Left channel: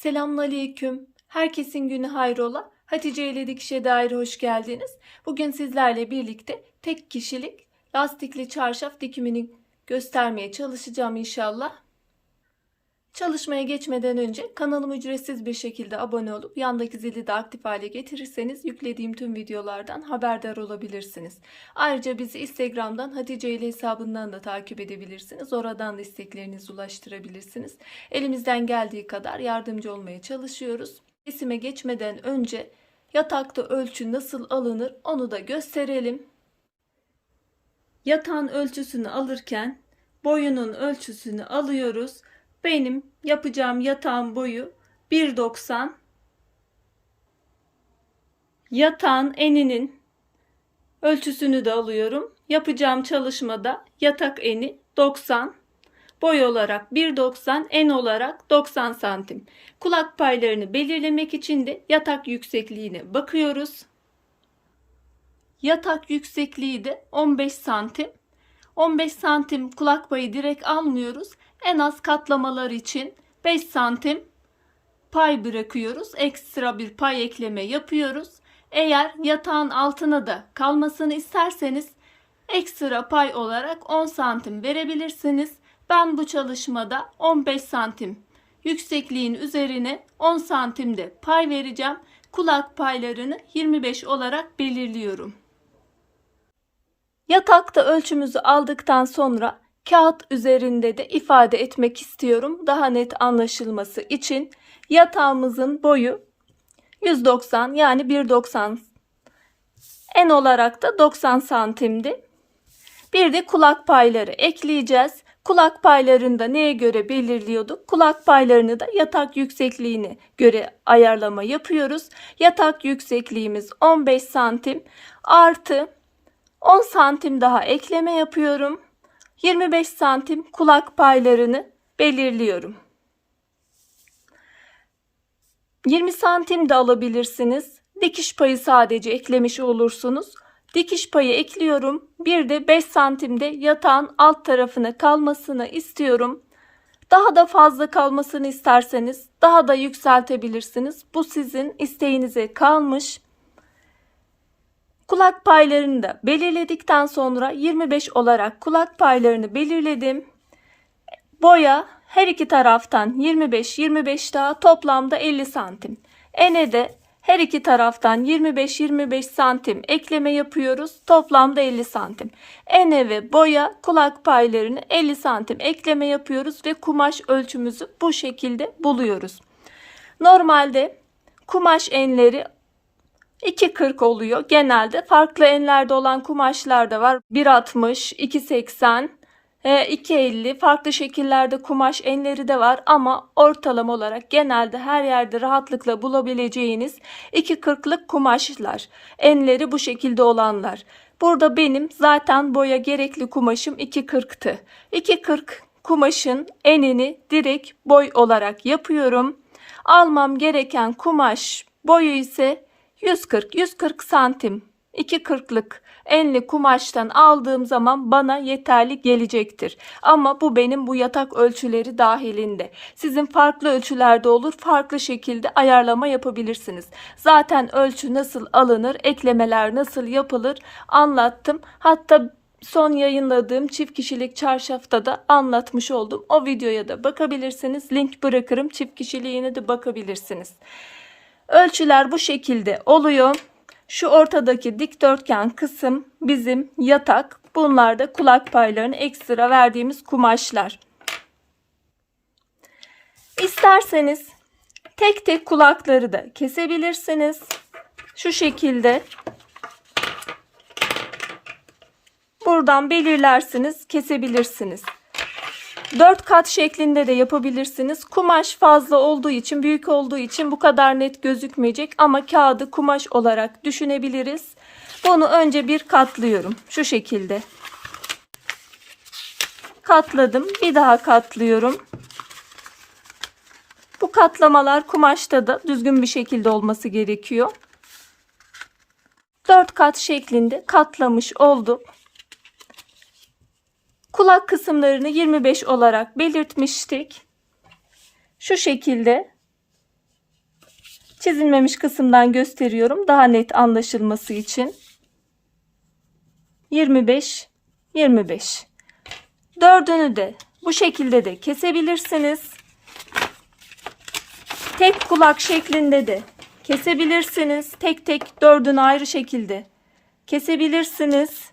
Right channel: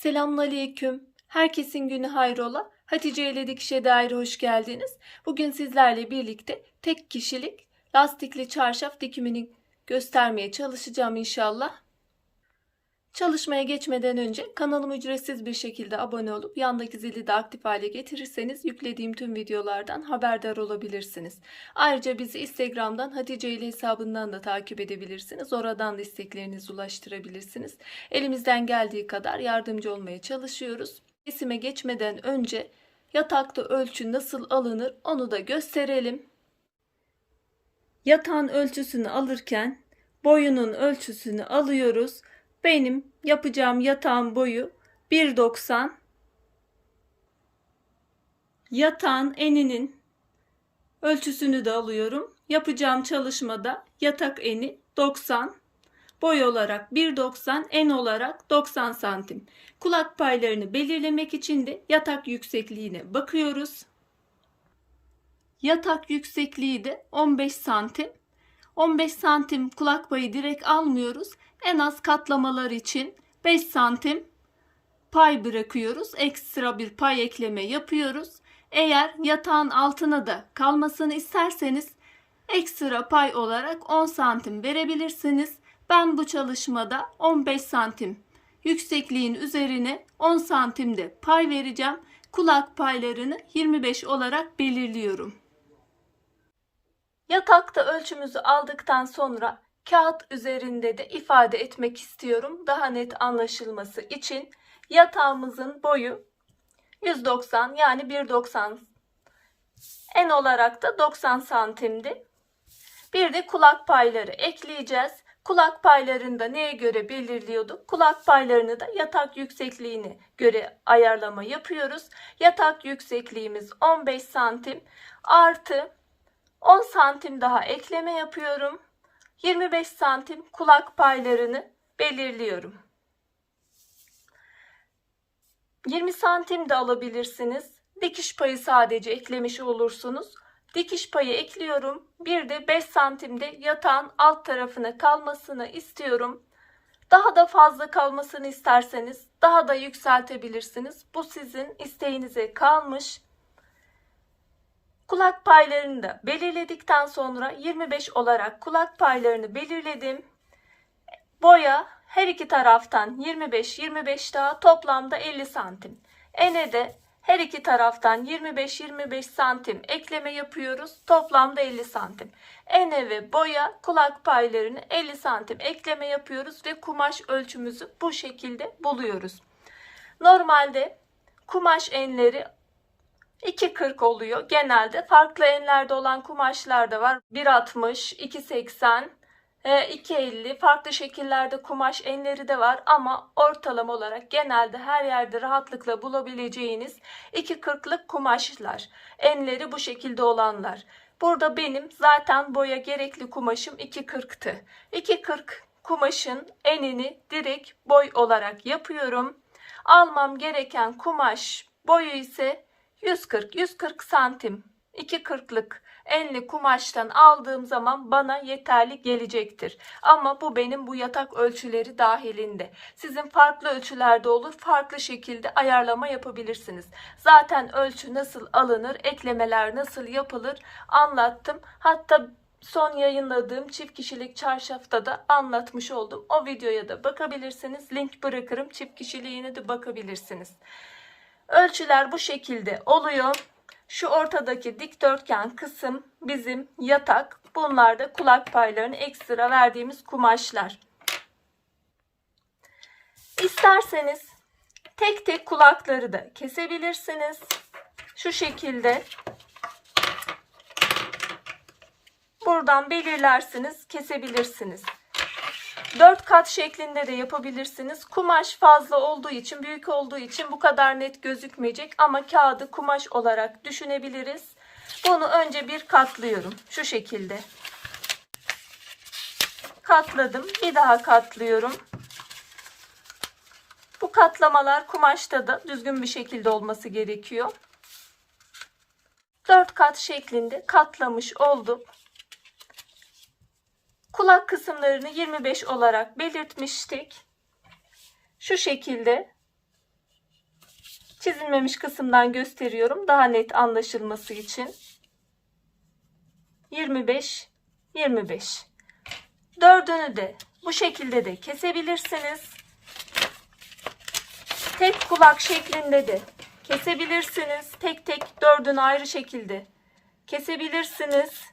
Selamünaleyküm. Herkesin günü hayrola. Hatice ile dikişe dair hoş geldiniz. Bugün sizlerle birlikte tek kişilik lastikli çarşaf dikimini göstermeye çalışacağım inşallah. Çalışmaya geçmeden önce kanalıma ücretsiz bir şekilde abone olup yandaki zili de aktif hale getirirseniz yüklediğim tüm videolardan haberdar olabilirsiniz. Ayrıca bizi Instagram'dan Hatice ile hesabından da takip edebilirsiniz. Oradan da isteklerinizi ulaştırabilirsiniz. Elimizden geldiği kadar yardımcı olmaya çalışıyoruz. Kesime geçmeden önce yatakta ölçü nasıl alınır onu da gösterelim. Yatağın ölçüsünü alırken boyunun ölçüsünü alıyoruz. Benim yapacağım yatağın boyu 1.90. Yatağın eninin ölçüsünü de alıyorum. Yapacağım çalışmada yatak eni 90. Boy olarak 1.90, en olarak 90 santim. Kulak paylarını belirlemek için de yatak yüksekliğine bakıyoruz. Yatak yüksekliği de 15 santim. 15 santim kulak payı direkt almıyoruz. En az katlamalar için 5 santim pay bırakıyoruz. Ekstra bir pay ekleme yapıyoruz. Eğer yatağın altına da kalmasını isterseniz ekstra pay olarak 10 santim verebilirsiniz. Ben bu çalışmada 15 santim yüksekliğin üzerine 10 santimde pay vereceğim. Kulak paylarını 25 olarak belirliyorum. Yatakta ölçümüzü aldıktan sonra kağıt üzerinde de ifade etmek istiyorum. Daha net anlaşılması için yatağımızın boyu 190 yani 1.90 en olarak da 90 santimdi. Bir de kulak payları ekleyeceğiz. Kulak paylarını da neye göre belirliyorduk? Kulak paylarını da yatak yüksekliğine göre ayarlama yapıyoruz. Yatak yüksekliğimiz 15 santim artı 10 santim daha ekleme yapıyorum. 25 santim kulak paylarını belirliyorum. 20 santim de alabilirsiniz. Dikiş payı sadece eklemiş olursunuz. Dikiş payı ekliyorum. Bir de 5 santimde yatağın alt tarafına kalmasını istiyorum. Daha da fazla kalmasını isterseniz daha da yükseltebilirsiniz. Bu sizin isteğinize kalmış. Kulak paylarını da belirledikten sonra 25 olarak kulak paylarını belirledim. Boya her iki taraftan 25-25 daha toplamda 50 santim. Ene de her iki taraftan 25-25 santim ekleme yapıyoruz. Toplamda 50 santim. Ene ve boya kulak paylarını 50 santim ekleme yapıyoruz ve kumaş ölçümüzü bu şekilde buluyoruz. Normalde kumaş enleri 2.40 oluyor. Genelde farklı enlerde olan kumaşlar da var. 1.60, 2.80, 2.50 e, farklı şekillerde kumaş enleri de var ama ortalama olarak genelde her yerde rahatlıkla bulabileceğiniz 2.40'lık kumaşlar. Enleri bu şekilde olanlar. Burada benim zaten boya gerekli kumaşım 2.40'tı. 2.40 kumaşın enini direkt boy olarak yapıyorum. Almam gereken kumaş boyu ise 140-140 santim 2.40'lık enli kumaştan aldığım zaman bana yeterli gelecektir. Ama bu benim bu yatak ölçüleri dahilinde. Sizin farklı ölçülerde olur, farklı şekilde ayarlama yapabilirsiniz. Zaten ölçü nasıl alınır, eklemeler nasıl yapılır anlattım. Hatta son yayınladığım çift kişilik çarşafta da anlatmış oldum. O videoya da bakabilirsiniz. Link bırakırım. Çift kişiliğine de bakabilirsiniz. Ölçüler bu şekilde oluyor. Şu ortadaki dikdörtgen kısım bizim yatak. Bunlar da kulak paylarını ekstra verdiğimiz kumaşlar. İsterseniz tek tek kulakları da kesebilirsiniz. Şu şekilde buradan belirlersiniz, kesebilirsiniz. 4 kat şeklinde de yapabilirsiniz. Kumaş fazla olduğu için, büyük olduğu için bu kadar net gözükmeyecek ama kağıdı kumaş olarak düşünebiliriz. Bunu önce bir katlıyorum. Şu şekilde. Katladım. Bir daha katlıyorum. Bu katlamalar kumaşta da düzgün bir şekilde olması gerekiyor. 4 kat şeklinde katlamış oldum. Kulak kısımlarını 25 olarak belirtmiştik. Şu şekilde Çizilmemiş kısımdan gösteriyorum daha net anlaşılması için. 25 25. Dördünü de bu şekilde de kesebilirsiniz. Tek kulak şeklinde de kesebilirsiniz. Tek tek dördünü ayrı şekilde kesebilirsiniz.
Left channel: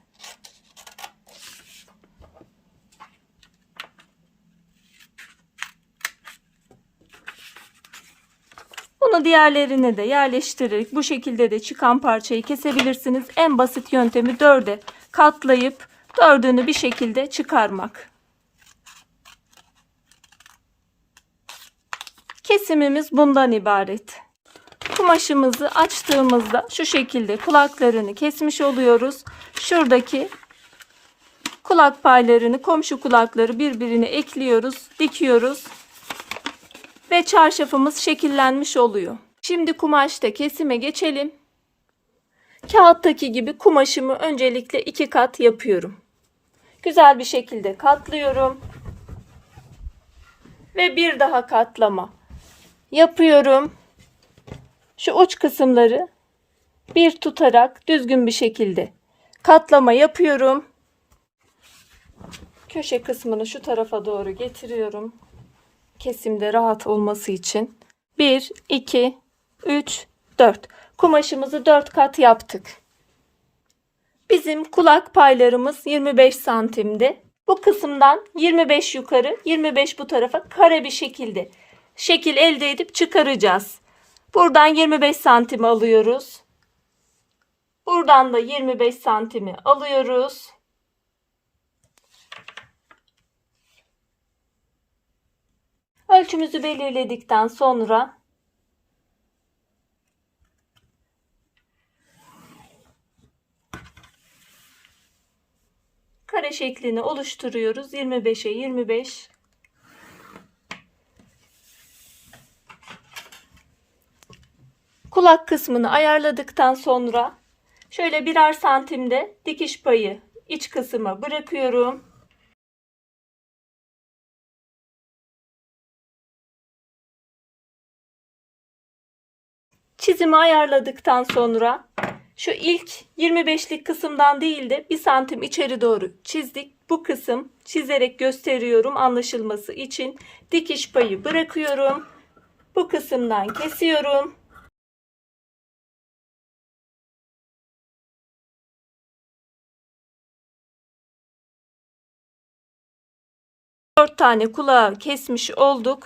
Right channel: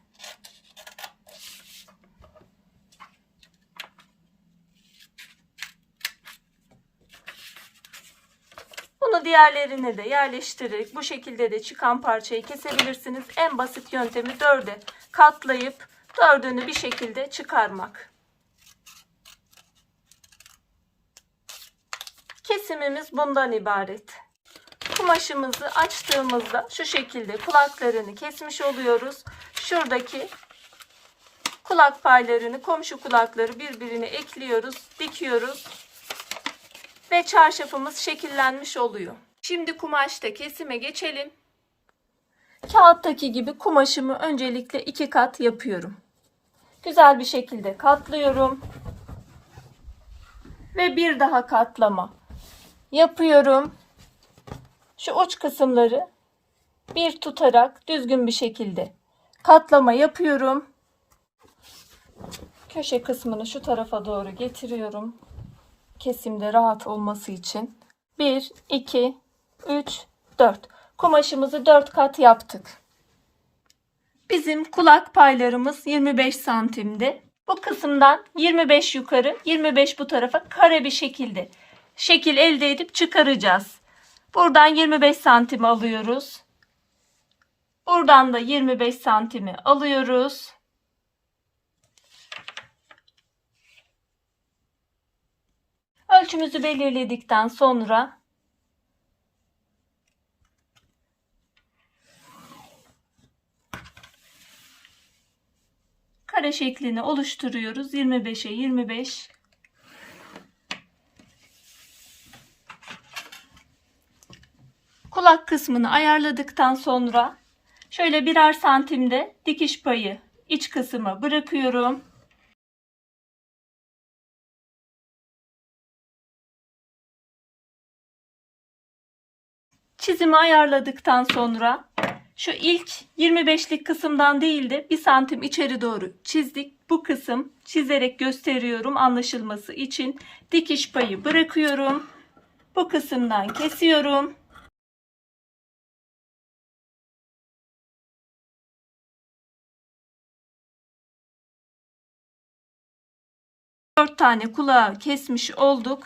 Bunu diğerlerine de yerleştirerek bu şekilde de çıkan parçayı kesebilirsiniz. En basit yöntemi dörde katlayıp dördünü bir şekilde çıkarmak. Kesimimiz bundan ibaret. Kumaşımızı açtığımızda şu şekilde kulaklarını kesmiş oluyoruz. Şuradaki kulak paylarını, komşu kulakları birbirine ekliyoruz, dikiyoruz ve çarşafımız şekillenmiş oluyor. Şimdi kumaşta kesime geçelim. Kağıttaki gibi kumaşımı öncelikle iki kat yapıyorum. Güzel bir şekilde katlıyorum. Ve bir daha katlama yapıyorum. Şu uç kısımları bir tutarak düzgün bir şekilde katlama yapıyorum. Köşe kısmını şu tarafa doğru getiriyorum kesimde rahat olması için 1 2 3 4 kumaşımızı 4 kat yaptık. Bizim kulak paylarımız 25 santimdi. Bu kısımdan 25 yukarı 25 bu tarafa kare bir şekilde şekil elde edip çıkaracağız. Buradan 25 santim alıyoruz. Buradan da 25 santimi alıyoruz. Ölçümüzü belirledikten sonra kare şeklini oluşturuyoruz. 25'e 25 kulak kısmını ayarladıktan sonra şöyle birer santimde dikiş payı iç kısmı bırakıyorum. Çizimi ayarladıktan sonra şu ilk 25'lik kısımdan değil de 1 santim içeri doğru çizdik. Bu kısım çizerek gösteriyorum anlaşılması için. Dikiş payı bırakıyorum. Bu kısımdan kesiyorum. Dört tane kulağı kesmiş olduk.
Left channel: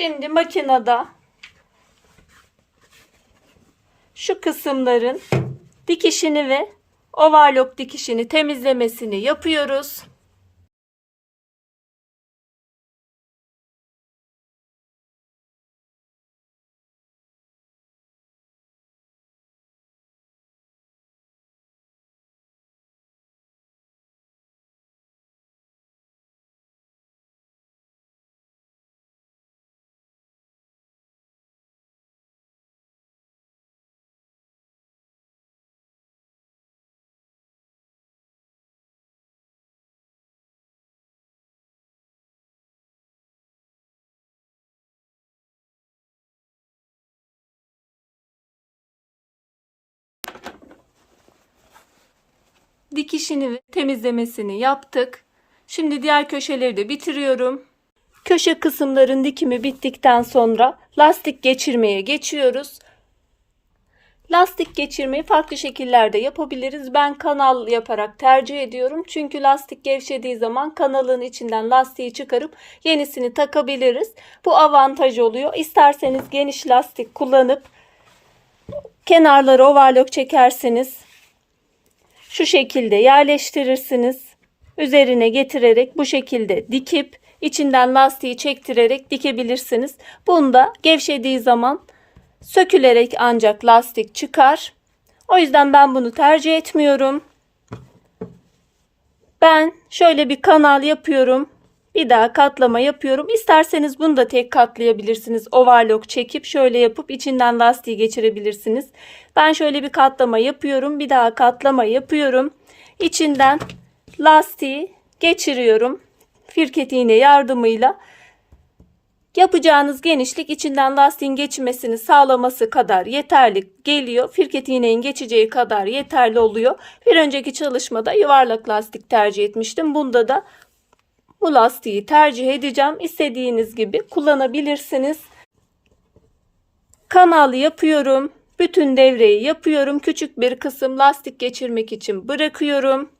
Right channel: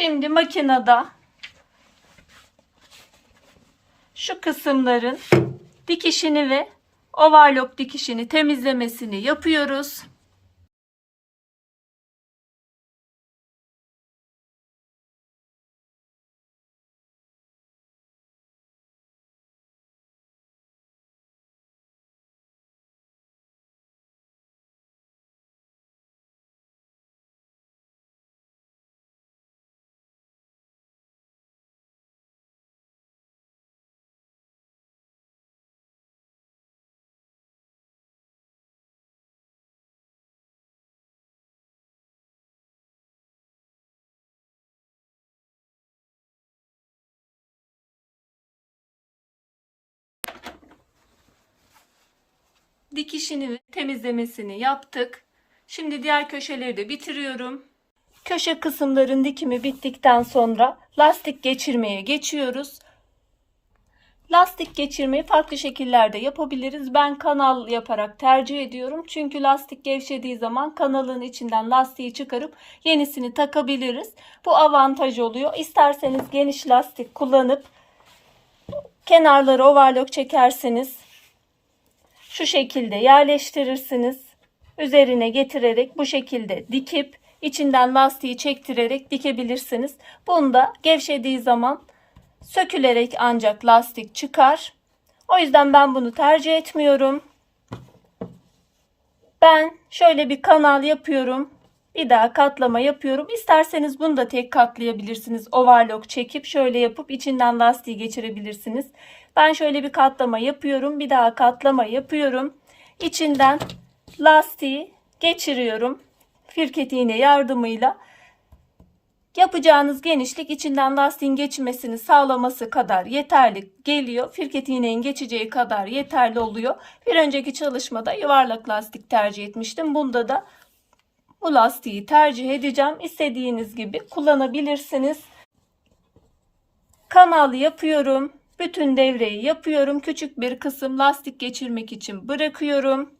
Şimdi makinede şu kısımların dikişini ve overlock dikişini temizlemesini yapıyoruz. Dikişini ve temizlemesini yaptık. Şimdi diğer köşeleri de bitiriyorum. Köşe kısımların dikimi bittikten sonra lastik geçirmeye geçiyoruz. Lastik geçirmeyi farklı şekillerde yapabiliriz. Ben kanal yaparak tercih ediyorum. Çünkü lastik gevşediği zaman kanalın içinden lastiği çıkarıp yenisini takabiliriz. Bu avantaj oluyor. İsterseniz geniş lastik kullanıp kenarları overlock çekerseniz şu şekilde yerleştirirsiniz. Üzerine getirerek bu şekilde dikip içinden lastiği çektirerek dikebilirsiniz. Bunda gevşediği zaman sökülerek ancak lastik çıkar. O yüzden ben bunu tercih etmiyorum. Ben şöyle bir kanal yapıyorum. Bir daha katlama yapıyorum. İsterseniz bunu da tek katlayabilirsiniz. Overlock çekip şöyle yapıp içinden lastiği geçirebilirsiniz. Ben şöyle bir katlama yapıyorum. Bir daha katlama yapıyorum. İçinden lastiği geçiriyorum. Firket iğne yardımıyla Yapacağınız genişlik içinden lastiğin geçmesini sağlaması kadar yeterli geliyor. Firket iğneğin geçeceği kadar yeterli oluyor. Bir önceki çalışmada yuvarlak lastik tercih etmiştim. Bunda da bu lastiği tercih edeceğim. İstediğiniz gibi kullanabilirsiniz. Kanal yapıyorum. Bütün devreyi yapıyorum. Küçük bir kısım lastik geçirmek için bırakıyorum.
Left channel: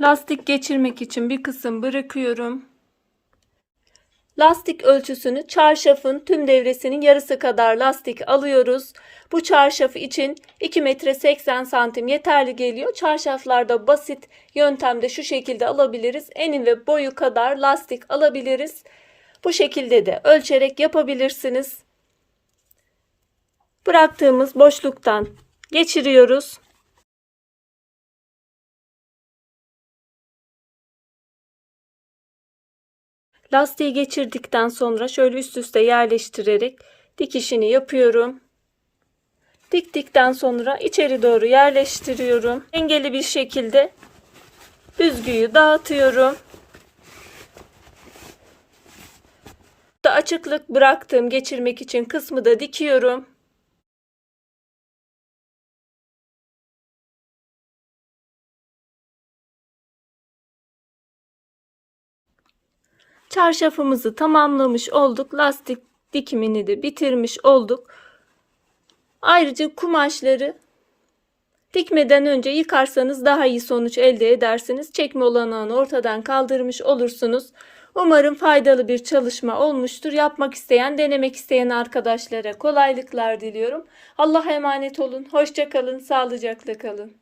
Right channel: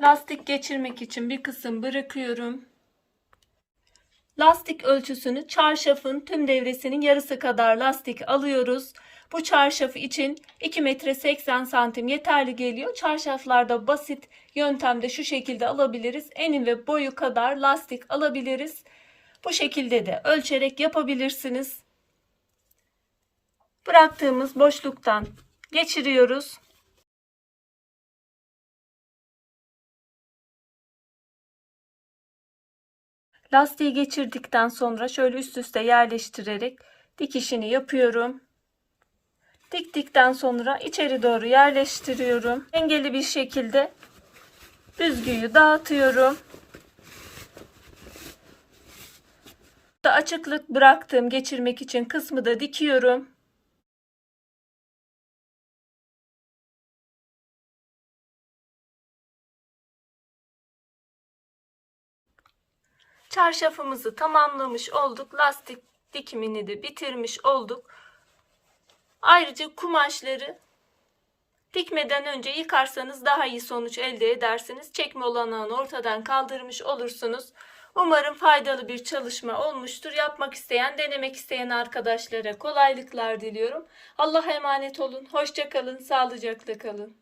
Lastik geçirmek için bir kısım bırakıyorum. Lastik ölçüsünü çarşafın tüm devresinin yarısı kadar lastik alıyoruz. Bu çarşaf için 2 metre 80 santim yeterli geliyor. Çarşaflarda basit yöntemde şu şekilde alabiliriz. Eni ve boyu kadar lastik alabiliriz. Bu şekilde de ölçerek yapabilirsiniz. Bıraktığımız boşluktan geçiriyoruz. Lastiği geçirdikten sonra şöyle üst üste yerleştirerek dikişini yapıyorum. Diktikten sonra içeri doğru yerleştiriyorum. Dengeli bir şekilde düzgüyü dağıtıyorum. Da açıklık bıraktığım geçirmek için kısmı da dikiyorum. Çarşafımızı tamamlamış olduk. Lastik dikimini de bitirmiş olduk. Ayrıca kumaşları dikmeden önce yıkarsanız daha iyi sonuç elde edersiniz. Çekme olanağını ortadan kaldırmış olursunuz. Umarım faydalı bir çalışma olmuştur. Yapmak isteyen, denemek isteyen arkadaşlara kolaylıklar diliyorum. Allah'a emanet olun. Hoşça kalın, sağlıcakla kalın.